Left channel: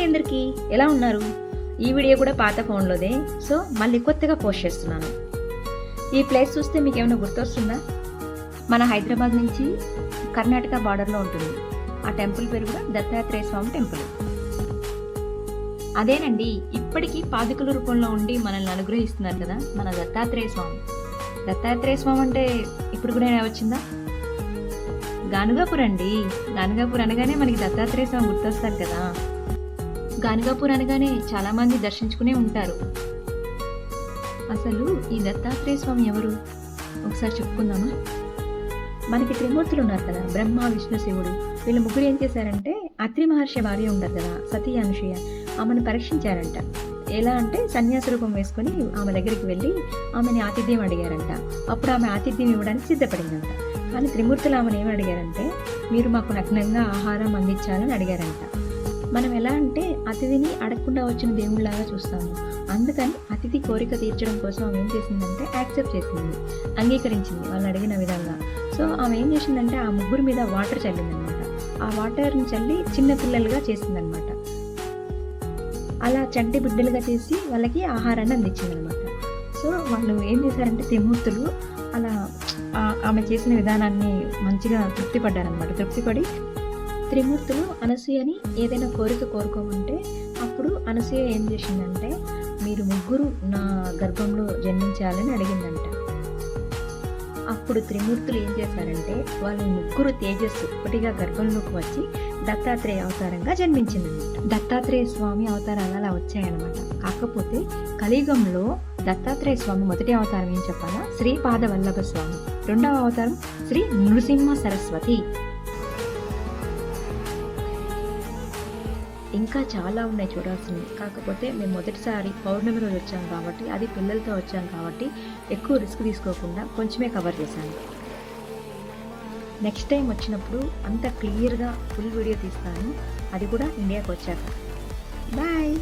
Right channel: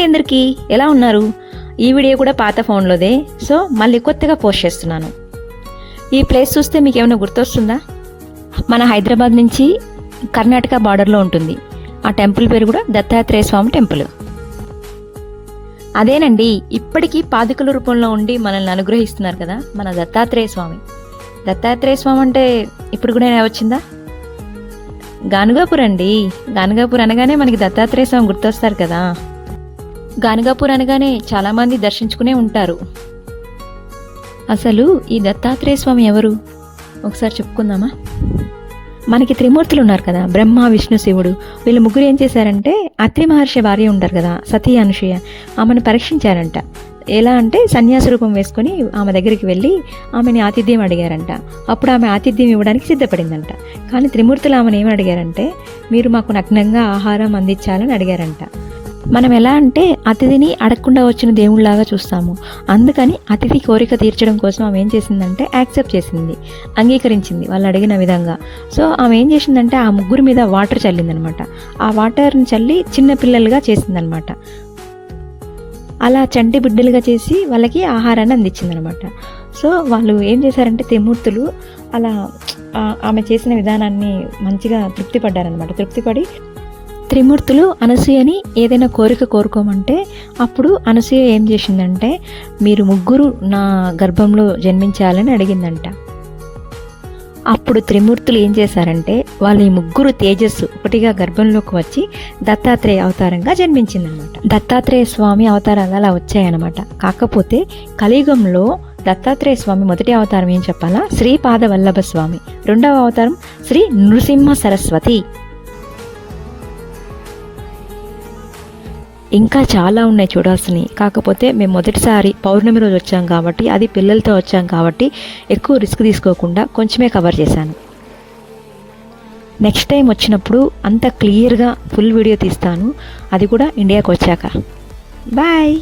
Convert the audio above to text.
అండి అందరికీ, ఎలా ఉన్నారు? ఈ వీడియో కూడా పాత ఫోన్లోదే, సో మళ్ళీ కొత్తగా పోస్ట్ చేస్తున్నాను. ఈ ప్లేస్ చూస్తే మీకు ఏమైనా గుర్తొస్తుందా? మన హైదరాబాద్ నుంచి కర్ణాటక బార్డర్లో ఉంటుంది. ఆ టెంపుల్ పేరు కూడా దత్తాత్రేయ స్వామి టెంపుల్. అదేనండి, ఇప్పటికీ పాదుకల రూపంలో ఉండి మనల్ని అనుగ్రహిస్తున్నారు కదా మన దత్తాత్రేయ స్వామి. దత్తాత్రేయ స్వామి అంటే ఇప్పుడు కూడా వచ్చిందా? గానుగాపూర్ అండి. గానుగాపూర్ అనగానే మనకి దత్తాత్రేయ స్వామి గుర్తొస్తారు కదా. గానుగాపూర్ అనగానే చాలామంది దర్శించుకునే ఉంటారు. అసలు ఈ దత్తాత్రేయ స్వామి ఎవరు ఒకసారి చెప్పుకుందామా? మనకి త్రిమూర్తులు ఉన్నారు కదా, బ్రహ్మ, విష్ణు, శివుడు. వీళ్ళు ముగ్గురు ఏం చేశారంటే, అత్రి మహర్షి భార్య ఉంటారు కదా, సతీ అనసూయ, ఆమెను పరీక్షించారంట. ఎలా అంటే సన్యాస రూపం వేసుకొని ఆమె దగ్గరికి వెళ్ళి ఆమెని ఆతిథ్యం అడిగారంట. అప్పుడు ఆమె ఆతిథ్యం ఇవ్వడానికి సిద్ధపడిందంట. కానీ త్రిమూర్తులు ఆమెను ఏమి అడిగారంటే, మీరు మాకు నగ్నంగా ఆహారం అందించాలని అడిగారంట. మనం ఎలా అంటే అతిథిని అడగకుండా వచ్చిన దేవుళ్ళలాగా చూస్తాము. అందుకని అతిథి కోరిక తీర్చడం కోసం ఆమె ఏం చేసిందంటే యాక్సెప్ట్ చేసింది, అంగీకరించింది వాళ్ళు అడిగిన విధంగా. సో ఆమె ఏం చేసిందంటే ఆ ముగ్గురు మీద వాటర్ చల్లిందనమాట. ఆ వాటర్ని చల్లి చిన్న పిల్లలుగా చేసిందనమాట. అలా చంటి బిడ్డలుగా చేసి వాళ్ళకి ఆహారాన్ని అందించిందనమాట. సో వాళ్ళు ఏం చేశారంటే త్రిమూర్తులు అలా ఆమె చేసిన విధానాన్ని మంచిగా తృప్తిపడ్డారనమాట. తృప్తిపడి త్రిమూర్తులు అనసూయని ఏదైనా కోరిక కోరుకోమంటే అప్పుడు అనసూయ ఏం చేసిందంటే, మీరు ముగ్గురు నా గర్భంలో జన్మించాలని అడిగిందంట. అప్పుడు త్రిమూర్తులు ఏం చేశారంటే, వాళ్ళ ఈ ముగ్గురు తేజస్సు ఒకటిగా గర్భంలోకి వచ్చి దత్తాత్రేయ అవతారంగా జన్మించిందనమాట. దత్తాత్రేయ స్వామి అవతారంగా అలా వచ్చాయన్నమాట. కాకపోతే కలియుగంలో దత్తాత్రేయ స్వామి మొదటి అవతారం ఏం చెప్పాలా, శ్రీపాద వల్లభ స్వామి. రెండవ అవతారం శ్రీ నృసింహ సరస్వతి. ఇంకా చాలా ఉన్నాయి చూడాల్సినవి. కాకపోతే మేము మొదటిసారి పౌర్ణమి రోజు వచ్చాం కాబట్టి, అది పిల్లలతో వచ్చాం కాబట్టి ఎక్కువ రిస్క్ తీసుకోకుండా కొంచెమే కవర్ చేశాను. నెక్స్ట్ టైం వచ్చినప్పుడు అంత క్లియర్గా ఫుల్ వీడియో తీస్తాను, అది కూడా ఇండియాకి వచ్చాక. బాయ్.